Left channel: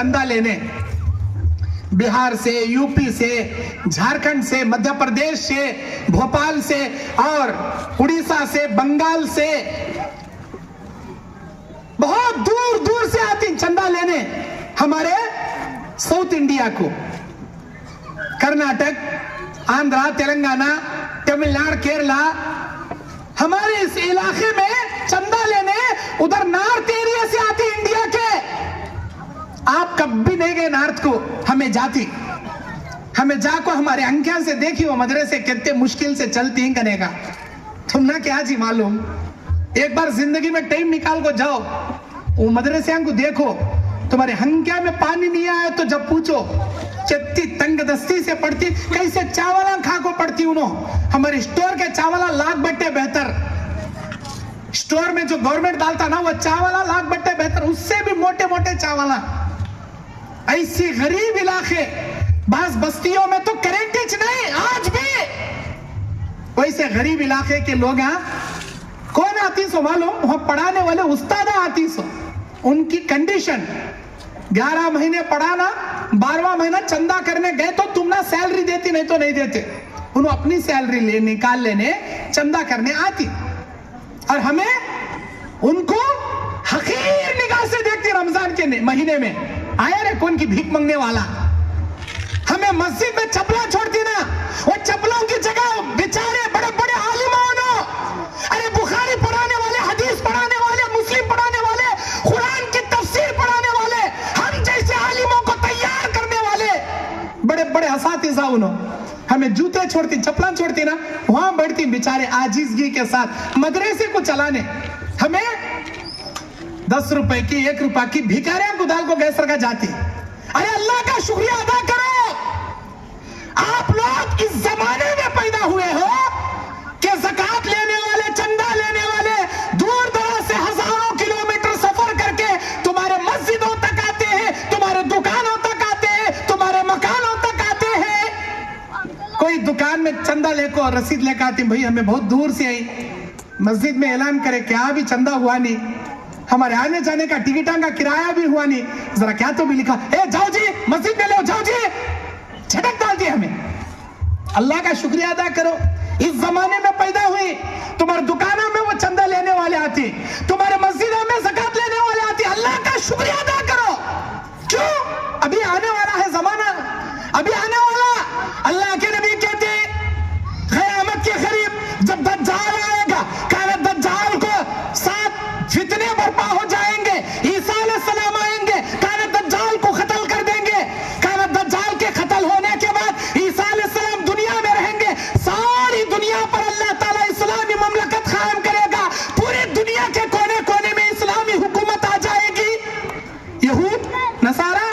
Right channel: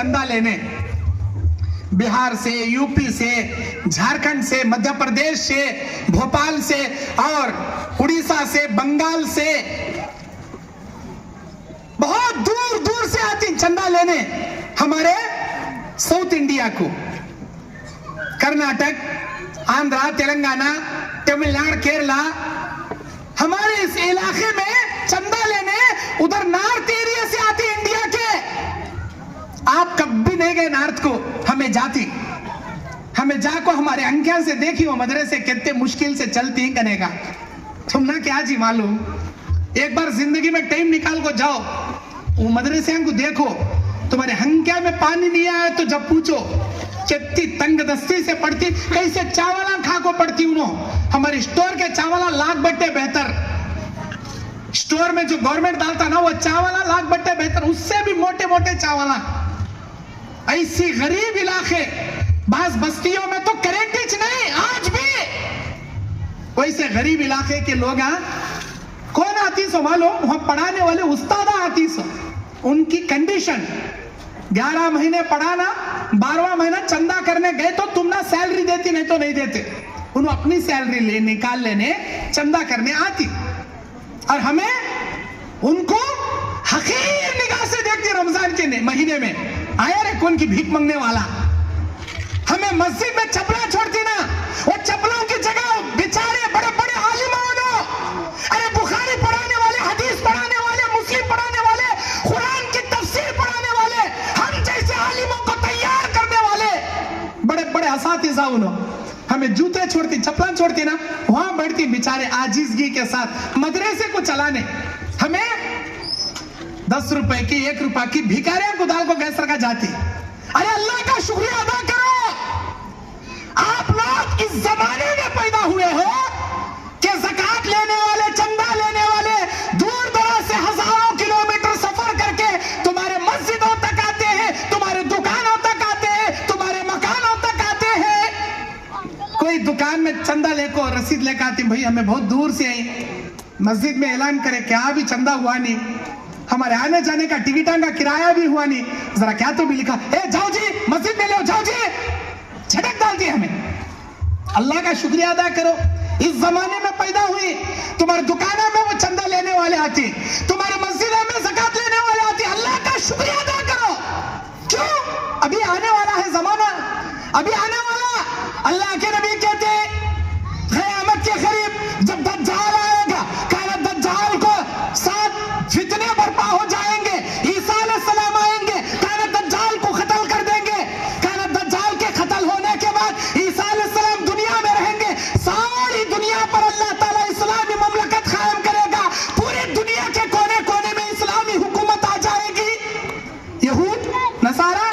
चंदा लेने बिहार से, यूपी से, झारखंड से, मध्य प्रदेश से, भोपाल से और उड़ीसा से, बंगाल से, बहुत दूर दूर से आती चंदा लेने हमारे साउथ इंडिया को। कर्नाटक, आंध्रा, तेलंगाना, तमिलनाडु, केरला, हमारे इस इलाके में चंदा लेने उधर नॉर्थ एरिया से आती इंडिया के। आप कभी नहीं गए नॉर्थ को, हमें जाती, हमें जाको हमारे अंकिया से देखी वो मदरसे कितने मुश्किल से चलती हैं कनेगा। तुम ना क्या जी मालूम, एक बार जिंदगी में टाइम निकाल को जाओ वो मदरसे को देखो। तुम्हारे हंकिया में पानी नहीं आया तो जब पूछो कितनी तंग दस्ती से पड़ती, कैसे चावला खा को पड़ती उन्होंने। हमारे स्टोर के चावला लाख बट्टे बेहतर, स्टोर में जो गवर्नमेंट डालता ना वो चावला लाख बट्टे बेहतर, उससे भी मोटे मोटे चावला। ऐसी गरीब इलाके बास बस्तियों में तो करेंट नहीं आज भी, वैसे गरीब इलाके के लोग कौन आती सो मालूम, वहां पढ़ाने वाले उस्तादा आती सो। उनकी कंडीशन 11 महीने पढ़ाना, 12वां महीना चंदा करने गए तो तुम ना सैलरी देती, नहीं तो नहीं देते। उन्होंने अपनी सैलरी ले निकाल लेने चंदा करने आती, और हमें उनको हकीर निगाह से देखती। रमजान के महीने में आया रे कौन की भीख मांगने वाला, हमें मस्जिद में चपला छोड़ती ना, वो चपलों की जगह बेचारे बड़े बड़े आलिमाओं, अरे बुखारी पढ़ाने वाले, हदीस पढ़ाने वाले, मुस्लिम पढ़ाने वाले, कुरान की तफसीर पढ़ाने वाले, हम जैसे आलिमों को तैयार करने वाले बड़े बड़े असातिज़ा उन्होंने हमें जूते छोड़ती, चप्पल छोड़ती ना, वहां बैठती बेचारे आजिज़गी के साथ मदरसे को चलाने। हमें 10 रुपए की, 1 रुपए की भिखारियों को दाल को गैस रखा जाती। अरे अल्लाह का शुक्रिया अदा करो, आप लोग इस जमाने में पैदा हुए हो कि ज़कात लेने वाले, चंदा लेने वाले दूर दराज से हजारों किलोमीटर सफर करके तुम्हारे मस्जिदों तक आते हैं, तुम्हारे दुकानों तक आते हैं, तुम्हारे मकानों तक आते हैं। कोई दुकान में चंदा लेको और रसीद लेकर आती, भाई हमें बहुत दूर से आई, मस्जिद में ऐलान करे क्या अभी चंदा हुआ नहीं, हमारे आने जाने का टिकटा का किराया भी हुआ नहीं, जरा क्या तो भी लिखा, ए जाओ जी मस्जिद में लो, जाओ जी, झटक डालती है हमें। अल्लाह का शुक्रिया अदा करो, इस जमाने में पैदा हुई, तुम्हारे दुकानों में वो चंदा लेने वाले आते, तुम्हारे मस्जिदों में ज़कात लेने वाले आते। अल्लाह का शुक्रिया अदा करो। क्यों? अभी आने वाला है जमाना, अभी आने वाला। अल्लाह के नबी कहते क़यामत के करीब जब दज्जाल आएगा, काला दज्जाल को 7 फितने बर्पा हो जाएंगे, ईसा अलैहिस्सलाम आएंगे, काला दज्जाल को कत्ल कर देंगे। काला दज्जाल के कत्ल होने के बाद ईसा अलैहिस्सलाम दुनिया में रहेंगे, सारी दुनिया पर अल्लाह ताला इस्लामी ममलकत कायम करेगा, पूरी दुनिया के कोने कोने में इस्लामी हुकूमत आ जाएगी। यहूद, नसारा,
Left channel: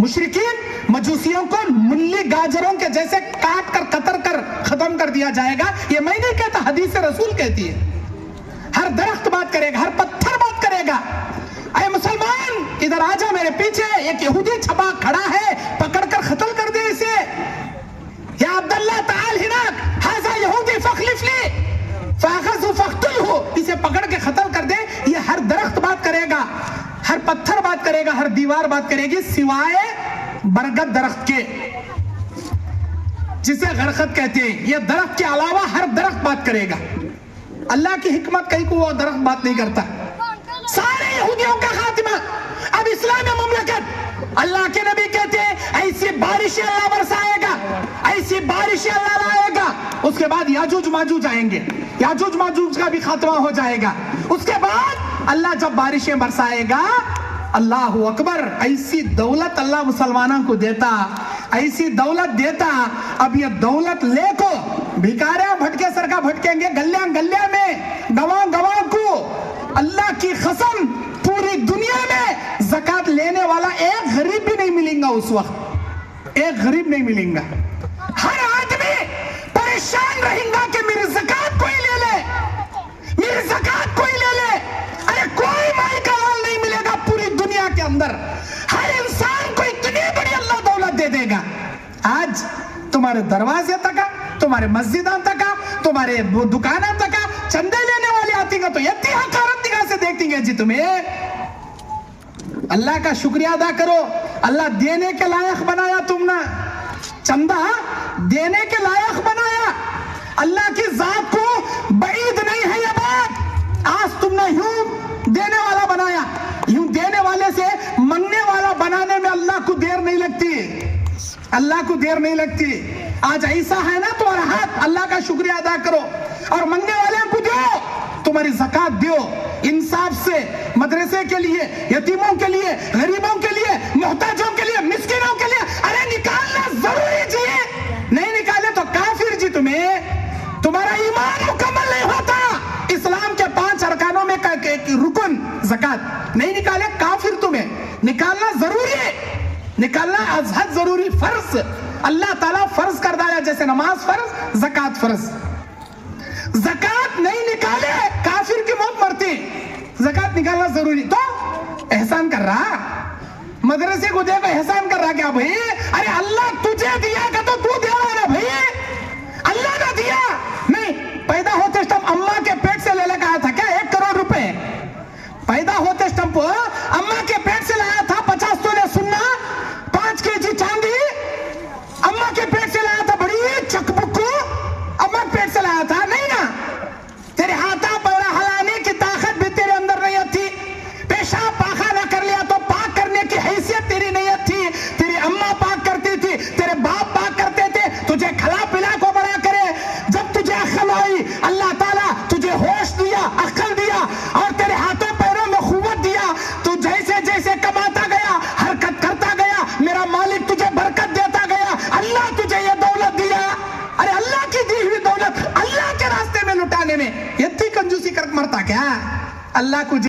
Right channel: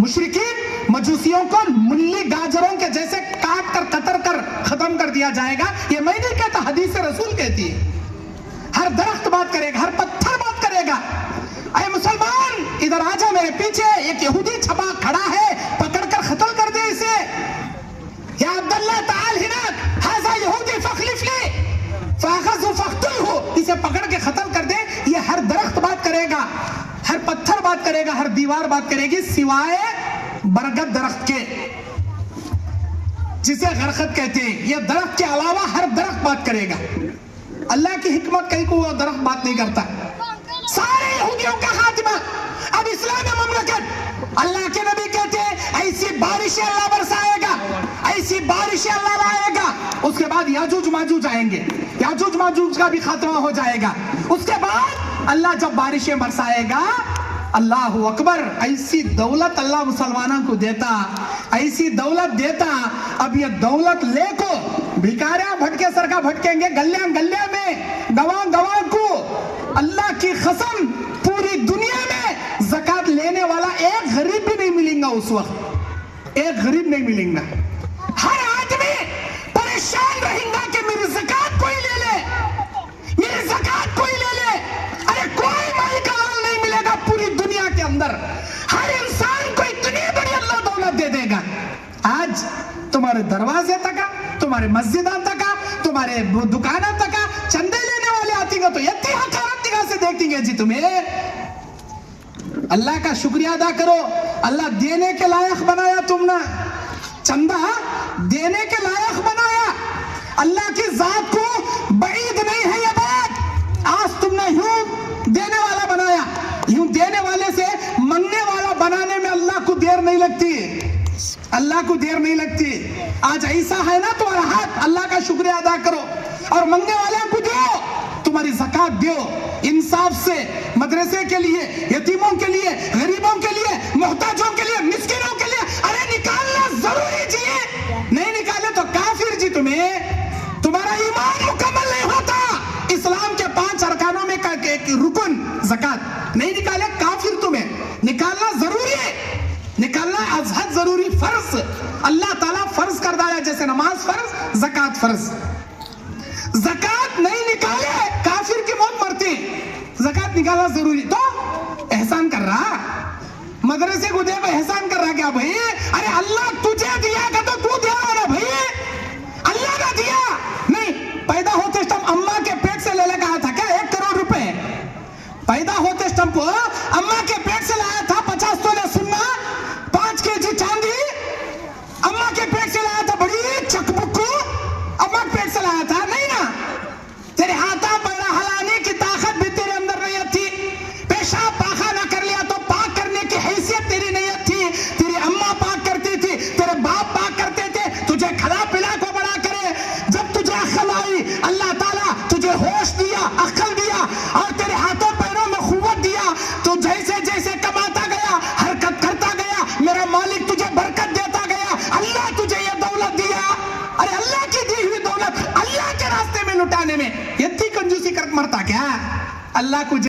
मुशरिकीन, मजूसियों को मुल्ली गाजरों के जैसे काट कर कतर कर खत्म कर दिया जाएगा। ये मैं नहीं कहता, हदीस रसूल कहती है। हर दरख्त बात करेगा, हर पत्थर बात करेगा। अरे मुसलमान इधर आ जाओ, मेरे पीछे एक यहूदी छपा खड़ा है, पकड़कर कत्ल कर दे इसे। या अब्दुल्लाह ताल हिनाक हाजा यहूदी फखलिफली फाखज़ु फख्तुलहु, इसे पकड़ के कत्ल कर दे। ये हर दरख्त बात करेगा, हर पत्थर बात करेगा, हर दीवार बात करेगी, सिवाय बरगद दरख्त के, जिसे गरखत कहते हैं। ये दरख्त के अलावा हर दरख्त बात करेगा। अल्लाह की हिकमत कहीं को वो दरख्त बात नहीं करता। सारे यहूदियों का खातिमा, अब इस्लामी ममलकत। अल्लाह के नबी कहते हैं ऐसी बारिशें अल्लाह बरसाएगा, ऐसी बारिशें अल्लाह लाएगा। उसके बाद याजूज माजूज आएंगे, याजूज माजूज का भी खात्मा हो जाएगा। उसके बाद अल्लाह जब बारिशें बरसाएगा, अल्लाह अकबर, ऐसी दौलत अल्लाह मुसलमानों को देता, ऐसी दौलत देता। अब ये दौलत लेको भिखारिया भटके सरका भटकेंगे गलिया गलिया में, गवां गवां को। अल्लाह की कसम, पूरी दुनिया में ज़कात लेने वाला एक गरीब भी नहीं मिलेगा उस वक्त, एक गरीब नहीं मिलेगा। हर आदमी परेशान रहेगा कि मेरी ज़कात कोई ले ले, मेरी ज़कात कोई ले ले। अरे कोई माल का माल नहीं मिलेगा पूरी दुनिया के अंदर। हर इंसान को इतनी बड़ी अल्लाह दौलत दे देगा। आज तुम्हारे दरवाजे तक, तुम्हारे मस्जिदां तक, तुम्हारे दुकाना तक चंदे लेने वाले आती तो इतनी हकारत निगाह से देखती है जी तुम्हें। اللہ کا شکریہ ادا کرو. اللہ دینے کے لائق بنایا تم نے, چندہ دینے کے لائق بنایا. اللہ کی ذات کو بعید نہیں ہے یہ بات. آج تم نے یوں دینے والا بنایا, یوں دینے والے سے منگنے والا بنانے میں اللہ کو دیر نہیں لگتی, اللہ کو دیر نہیں لگتی. آج ایسا ہے نا تمہارا ہاتھ, اللہ کا شکریہ ادا کرو اور منگنے والے کو دو, تمہاری زکات دیو انصاف سے, مدرسے کے لیے, یتیموں کے لیے, غریبوں کے لیے, محتاجوں کے لیے, مسکینوں کے لیے. ارے نکالنا ضروری جی, نہیں نکالے تو کافر جی. تمہارا ایمان مکمل نہیں ہوتا. اسلام کے 5 ارکانوں میں رکن زکات نہیں نکالے کافر. تمہیں نکالنا ضروری ہے, نکالنا از حد ضروری, فرض اللہ تعالیٰ فرض کر دایا, جیسے نماز فرض, زکات فرض. زکات نہیں نکالے کافر کی موت مرتی. زکات نکالنا ضروری. تو احسان کر رہا, مدرسے کو دے کو احسان کر رہا کیا بھائی؟ ارے اللہ تجھے دیا کہ تو دے رہا نا بھائی, اللہ نے دیا نہیں. پیدا ہوتے اسٹم اماں کے پیٹ سے لے لے کے آیا تھا کیا 1 کروڑ روپے؟ پیدا ہوتے اسٹم کو اماں کے پیٹ سے لایا تھا 50 تولے سننا, 5 kg چاندی اماں کے پیٹ سے لایا تھا. بڑی چک بک کو اماں کے پیٹ سے لایا تھا نہیں نا. تیرے ہاتھا پیرا ہلانے کی طاقت بھی تیرے اندر نہیں تھی. پیشاب پاخانہ کر لیا تو پاک کرنے کی حیثیت تیری نہیں تھی. تیری اماں پاک کرتی تھی, تیرے باپ پاک کرتے تھے, تجھے کھلا پلا کو بڑا کرے. جب تجھے عقل آئی, اللہ تعالیٰ تجھے ہوش دیا, عقل دیا اور تیرے ہاتھوں پیروں میں قوت دیا. تو جیسے جیسے کماتا گیا, حرکت کرتا گیا, میرا مالک تجھے برکت دیتا گیا. اللہ تجھے یہ دولت دیا. ارے اللہ کی دی ہوئی دولت اللہ کے راستے میں لٹانے میں اتنی کنجوسی کر مرتا کیا؟ اللہ کو